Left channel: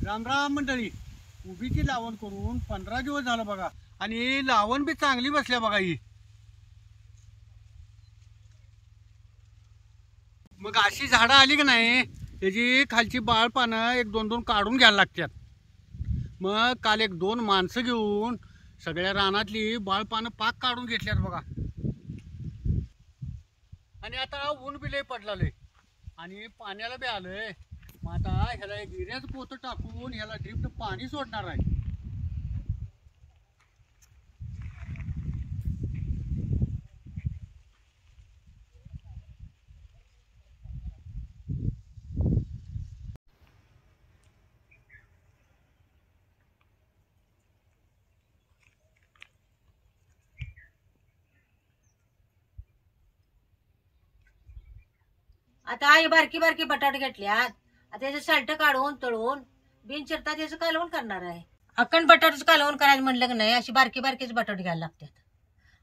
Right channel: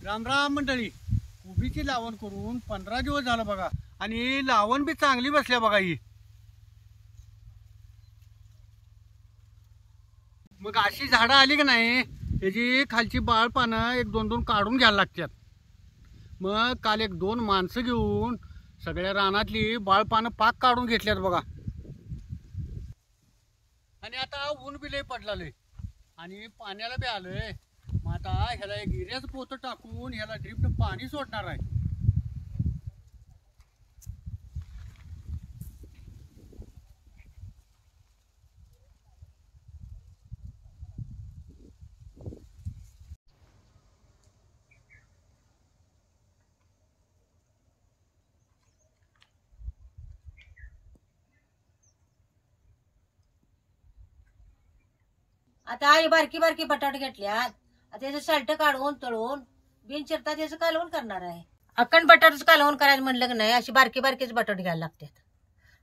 राम राम मंडळी. कोबीची लावण करून 15 दिवस झालं बघा, आणि लावण बी चांगली बसल्या बघा. ही मग अशी झाडं आली की नाही, त्याची खालची बाळ पानं एक दोन दोन काढून घ्यायला लागतात. मग काल एक दोन माणसं घेऊन सगळ्या रानातली बाळ पानं पाक काढून घेतल्यात बघा. आणि आता ऊन बी लय पडलाय आणि पाण्याला बी आलंय. मग आता ह्याला एक गिऱ्याचं पोतं टाकून ह्याला ड्रिपनं पाणी सोडणार आहे. आता आई बारकी बारकी बटाटे घेतल्यात. आता त्याचं साल्ट काढून तळून बिन चिरता त्याचं कालवण करणार आहे. अखंड बटाट्याचं कालवण करायचं म्हणलं की नाही, अशी बारकी बारकीच बटाटे घ्यायला लागतात.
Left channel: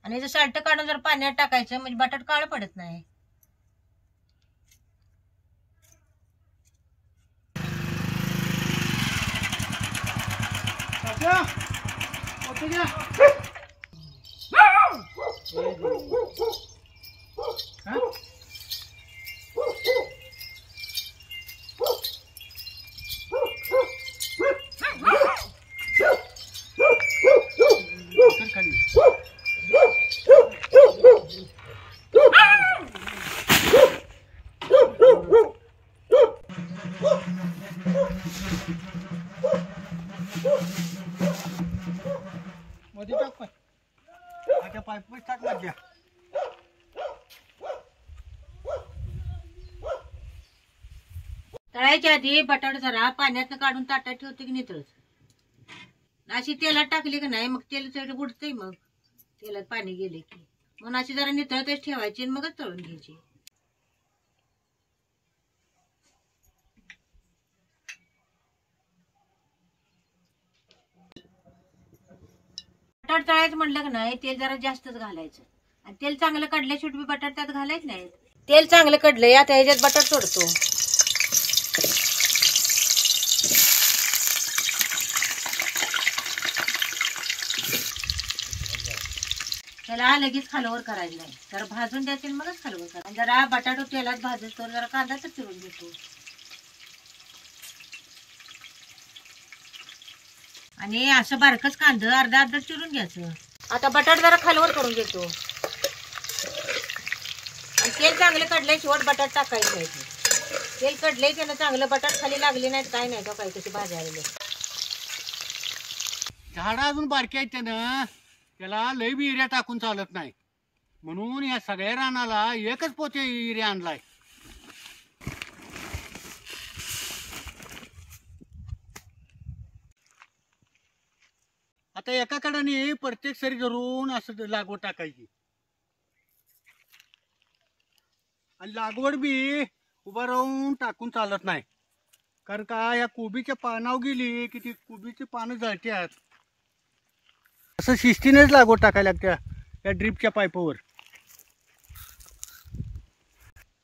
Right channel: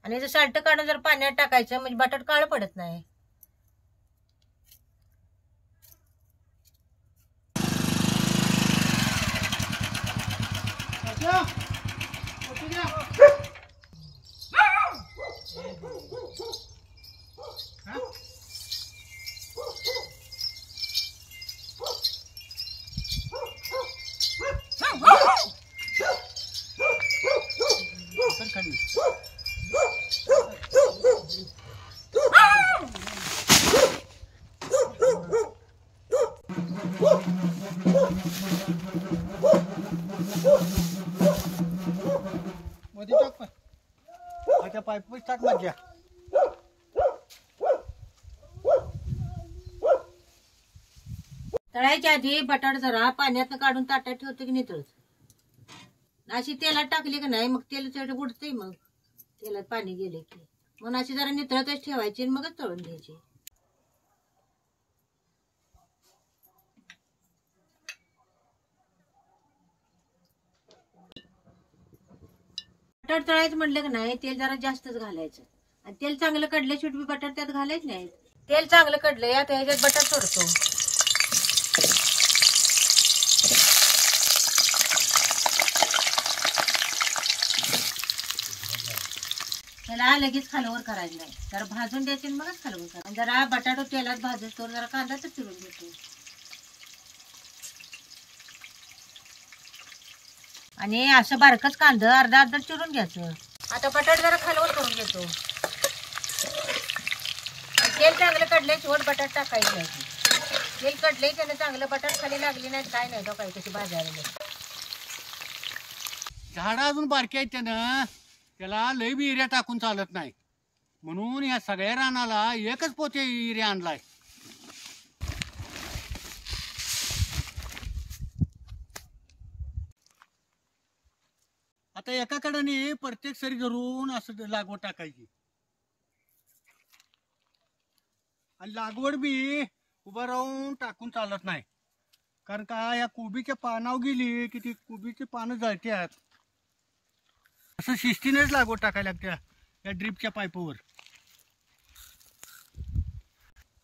आणि त्याचं साल्ट काढून जर पाण्यात टाकायचं म्हणजे बटाट काळं पडत नाही. खाली मध्ये टाक, पण आता पाईप टाक मधल्या. तळायच्या आधी बटाट जरा पाण्यात काढून ताटात ठेवते की नितळत. अशी तेलात टाकली की नाही, मग तेल उडतंय. मग तेलात पाणी गेले की म्हणून अशी जरा नितळतच ठेवायची आणि मगच तळून घ्यायची. बटाट तळायचं म्हणलं की नाही, तेल जरा जास्तच घालायचं. आणि तेल चांगलं कडल्या शेवटी बटाट त्यात घालायचं नाही. तेल चांगलं कडलंय, आता ह्याच्यात बटाट सोडतो. त्याला लगेच खालवर करायचं नाही, जरा भाजून द्यायचे मगच खालवर करायचं. जरा बटाटो तेलात भाजतो, जरा कांदा तर चिरून घेतो. आणि असं बारकच कांदा अर्धा अर्धा चिरून घ्यायचं. आता बटाट जरा खालवर करून घेतो. तेल चांगलं कडलंय, शेवट बटाट टाकायचं नाही. तेल कडलंय त्यानं चांगलं, बटाट खाली लागली नाहीत काय नाही. काय कशी भाजायला झाडं अजून बारकी आहेत, त्यानं त्याला लय बी युरिया टाकून चालत नाही. म्हणून या सगळ्या रानाला एकच पोते युरिया आणलाय. आता एका कडाने प्रत्येक सरी धरून असं लागवड टाकायची. आणि लागवड बी उभा राहून टाकून चालत नाही, कारण का या कोबीच्या पानावर गेली की ती कोबीची पानं जळतात. असं शिस्तीनेच लागवड टाकायला लागत्या या ड्रीपच्या पाईपवर.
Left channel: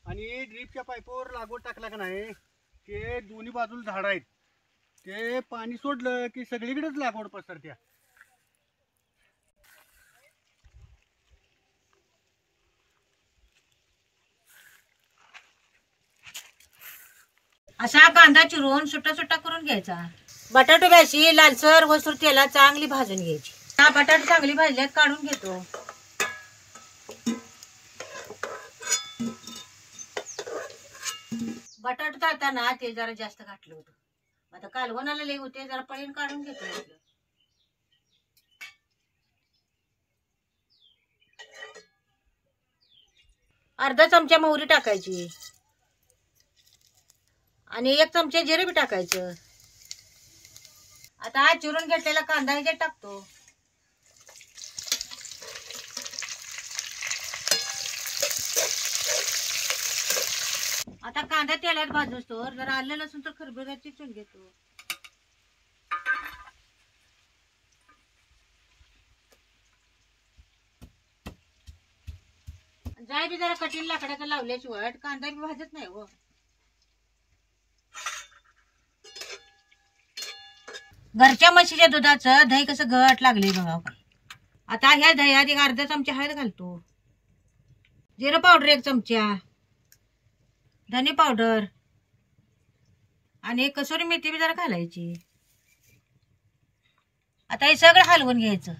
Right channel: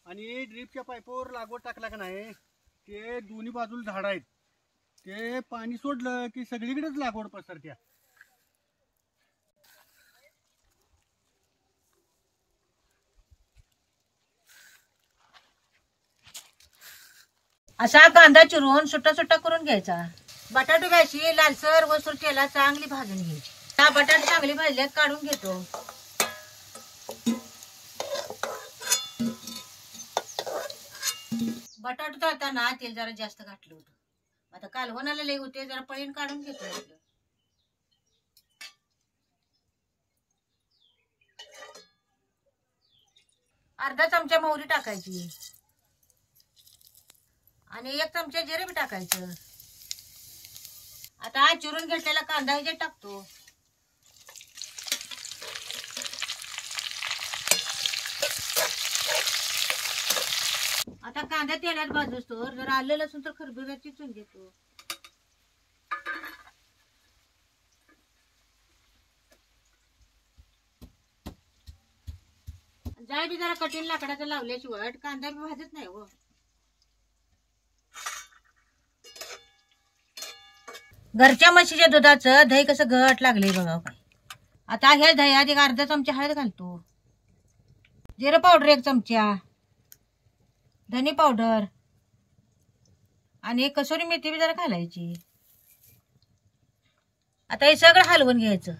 आणि ड्रीपच्या पाईपवर लागवड टाकला का नाही, ते दोन्ही बाजूला झाड आहेत, ते पाणी सोडलं की सगळीकडेच लागवड पसरत्या. असा कांदा चिरून सुट्टा सुट्टा करून घ्यायचा. बटाटो अशी लालसर वसूर तेलात चांगली भाजून घ्यायची. हा बटाटे चांगली भाजल्यात काढून घेतो. बटाटे तळताना तेल जरा जास्त घातलं होतं. आता कालवणाला लय होते, जरा पळीन काढून घेतो. अर्धा चमचा मोहरी टाकायची आणि 1 चमचा जिरे बी टाकायचं. आता हा चिरून घेतलेला कांदा ह्याच्यात टाकतो. आता कांदा तेलात भाजतो, जरा आलं लसूण तर खरबूजा चिचून घेतो. जाय बी जरा कठीण लाकडाचा लावल्याशिवाय कांदा बी भाजत नाही. व घरच्या म्हशीच्या दुधाचं दही कसं घट लागले बघा काय. आता ह्या दह्यात एक अर्धा चमचा हळद घालतो, जिरं पावडर 1 चमचा, धने पावडर आणि एक कसुरी मेथी बी जरा घालायची. आता हे सगळं हलवून घ्यायचं.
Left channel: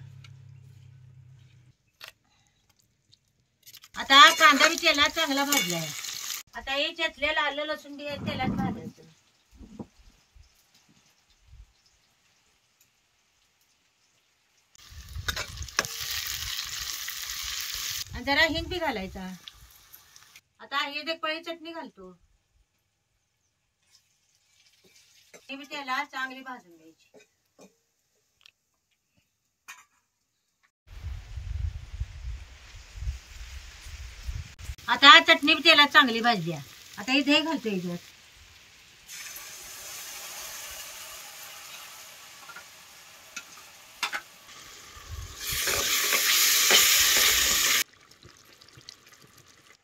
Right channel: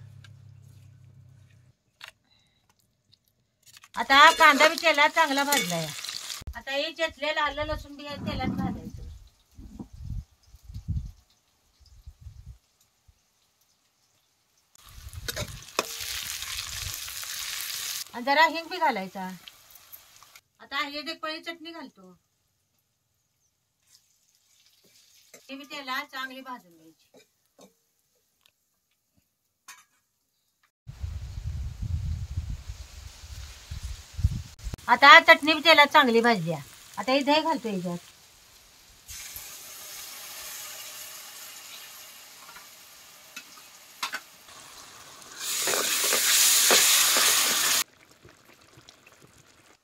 आता हा कांदा बी तेलात चांगला भाजलाय. आता हे चेचलेलं आलं लसूण बी तेलात भाजायचं. आणि जरा हिंग बी घालायचा. आता हे एक पळी चटणी घालतो. हे बी तेलात चांगली भाजून घ्यायची. आता चटणी बी तेलात चांगली भाजली. आता हे दही घालतो याच्यात.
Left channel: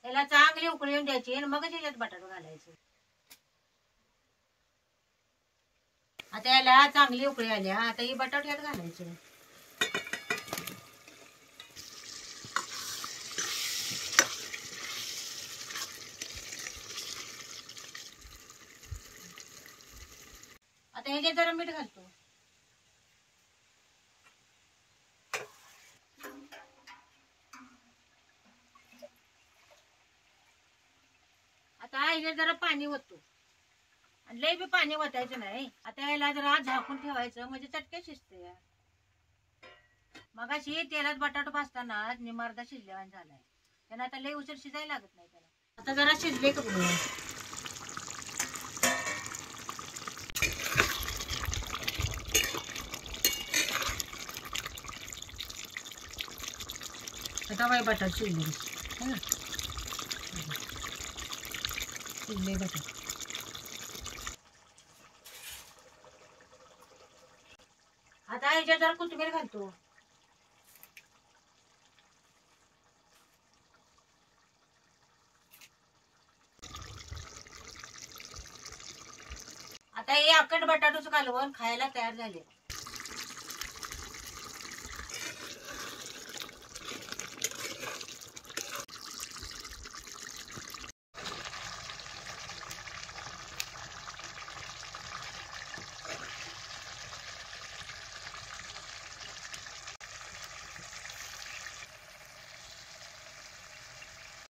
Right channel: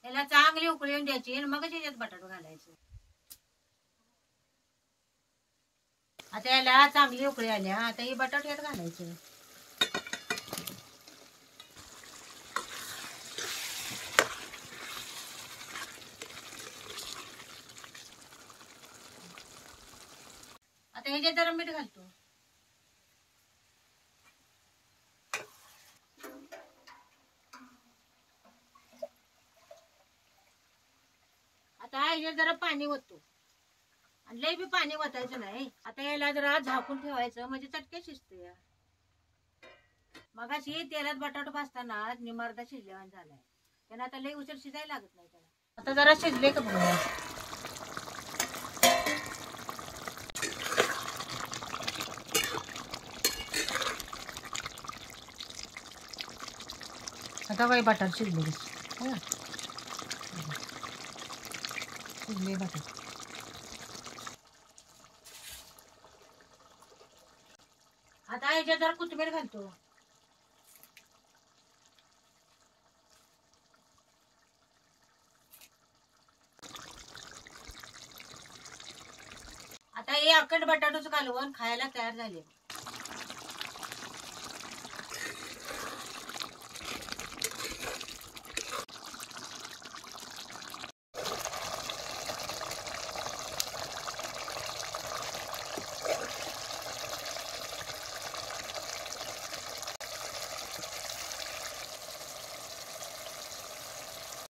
त्याला चांगली उकळी येऊन द्यायची आणि मगच याच्यात बटाटा घालायचं. आता याला चांगली उकळी आल्या. आता हे बटाटे यात घालायचं. आता ह्याच्यात जरा मीठ घालतो. आता ह्याच्यात जरा पाणी ओततो. आणि लय बी पाणी ओतायचं नाही. आता याला जरा झाकून ठेवायचं म्हणजे चटक्या शिजते. मगाशी तेलात बटाटा भाजताना निमार्धा शिजलेला झालाय. त्याला आता लय उशीर शिजायला लागत नाही त्याला. आता जरा शिजले का बघा. आता बाई बटाटा शिजले. शिजले बटाटा. आता याच्यात जरा कोथिंबीर घालतो. आता हे अख्खट बटाटोच कालवून खायला तयार झाले.